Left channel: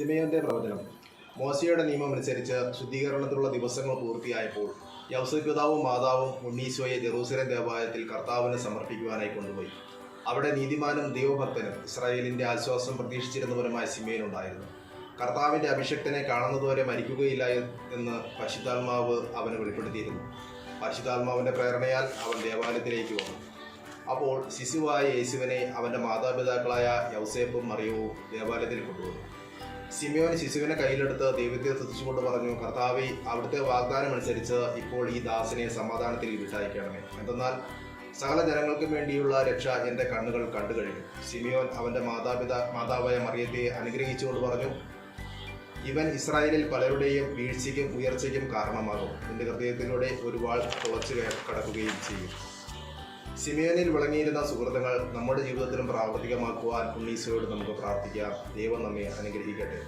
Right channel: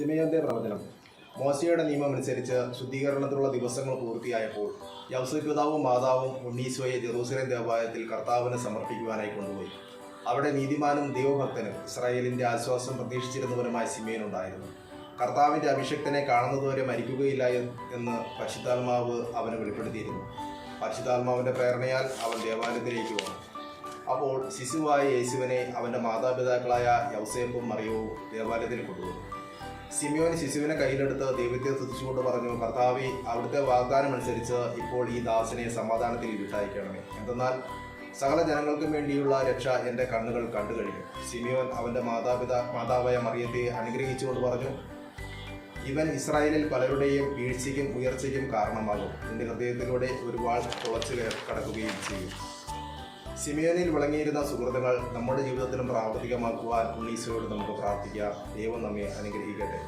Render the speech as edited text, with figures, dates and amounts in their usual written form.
ശിമെയോന്റെ പ്രവചനം. മോശയുടെ നിയമം അനുസരിച്ച് ശുദ്ധീകരണത്തിലുള്ള ദിവസങ്ങൾ പൂർത്തിയായപ്പോൾ യൗസേപ്പ് പിതാവും മാതാവും ഉണ്ണീശോയെ ജെറൂസലേം ദേവാലയത്തിൽ കർത്താവിന് സമർപ്പിക്കുവാനായി കൊണ്ടുപോയി. അവിടെ നീതിമാനും ദൈവഭക്തനും ഇസ്രായേലിന്റെ ആശ്വാസം പ്രതീക്ഷിച്ചിരുന്നവനുമായ ശിമെയോൻ ഉണ്ടായിരുന്നു. കർത്താവിന്റെ അഭിഷക്തനെ കാണുന്നതുവരെ മരിക്കുകയില്ല എന്ന് പരിശുദ്ധാത്മാവ് അവന് വെളിപ്പെടുത്തിയിരുന്നു. പരിശുദ്ധാത്മാവിന്റെ പ്രേരണയാൽ അവൻ ദേവാലയത്തിലേക്ക് വന്നു. അപ്പോൾ ശിശുവായ യേശുവിനെ അവൻ്റെ മാതാപിതാക്കളായ യൗസേപ്പും മറിയവും ദേവാലയത്തിൽ കൊണ്ടുവന്നു. ശിമെയോൻ ശിശുവിനെ കയ്യിലെടുത്ത് ദൈവത്തെ സ്തുതിച്ചുകൊണ്ട് പറഞ്ഞു, കർത്താവേ, അവിടുത്തെ വാഗ്ദാനം അനുസരിച്ച് ഇപ്പോൾ ഈ ദാസനെ സമാധാനത്തിൽ വിട്ടയക്കണമേ. എന്തെന്നാൽ സകല ജനങ്ങൾക്കും വേണ്ടിയുള്ള രക്ഷ എൻ്റെ കണ്ണുകൾ കണ്ടു കഴിഞ്ഞു. ശിമെയോൻ അവൻ്റെ മാതാവായ മറിയത്തെ അനുഗ്രഹിച്ചുകൊണ്ട് പറഞ്ഞു, ഇവൻ ഇസ്രായേലിൽ പലരുടെയും വീഴ്ചയ്ക്കും ഉയർച്ചയ്ക്കും കാരണമാകും. നിന്റെ ഹൃദയത്തിലൂടെ ഒരു വാൾ തുളച്ചു കടക്കുകയും ചെയ്യും. ശിമെയോനിൽ വിളങ്ങിയിരുന്ന സുഹൃത്തുക്കൾ നമ്മുടെ ജീവിതത്തിലും പ്രാവർത്തികമാക്കുവാൻ ഉണ്ണീശോയോട് നമുക്ക് പ്രാർത്ഥിക്കാം. ദൈവം നമ്മെ അനുഗ്രഹിക്കട്ടെ.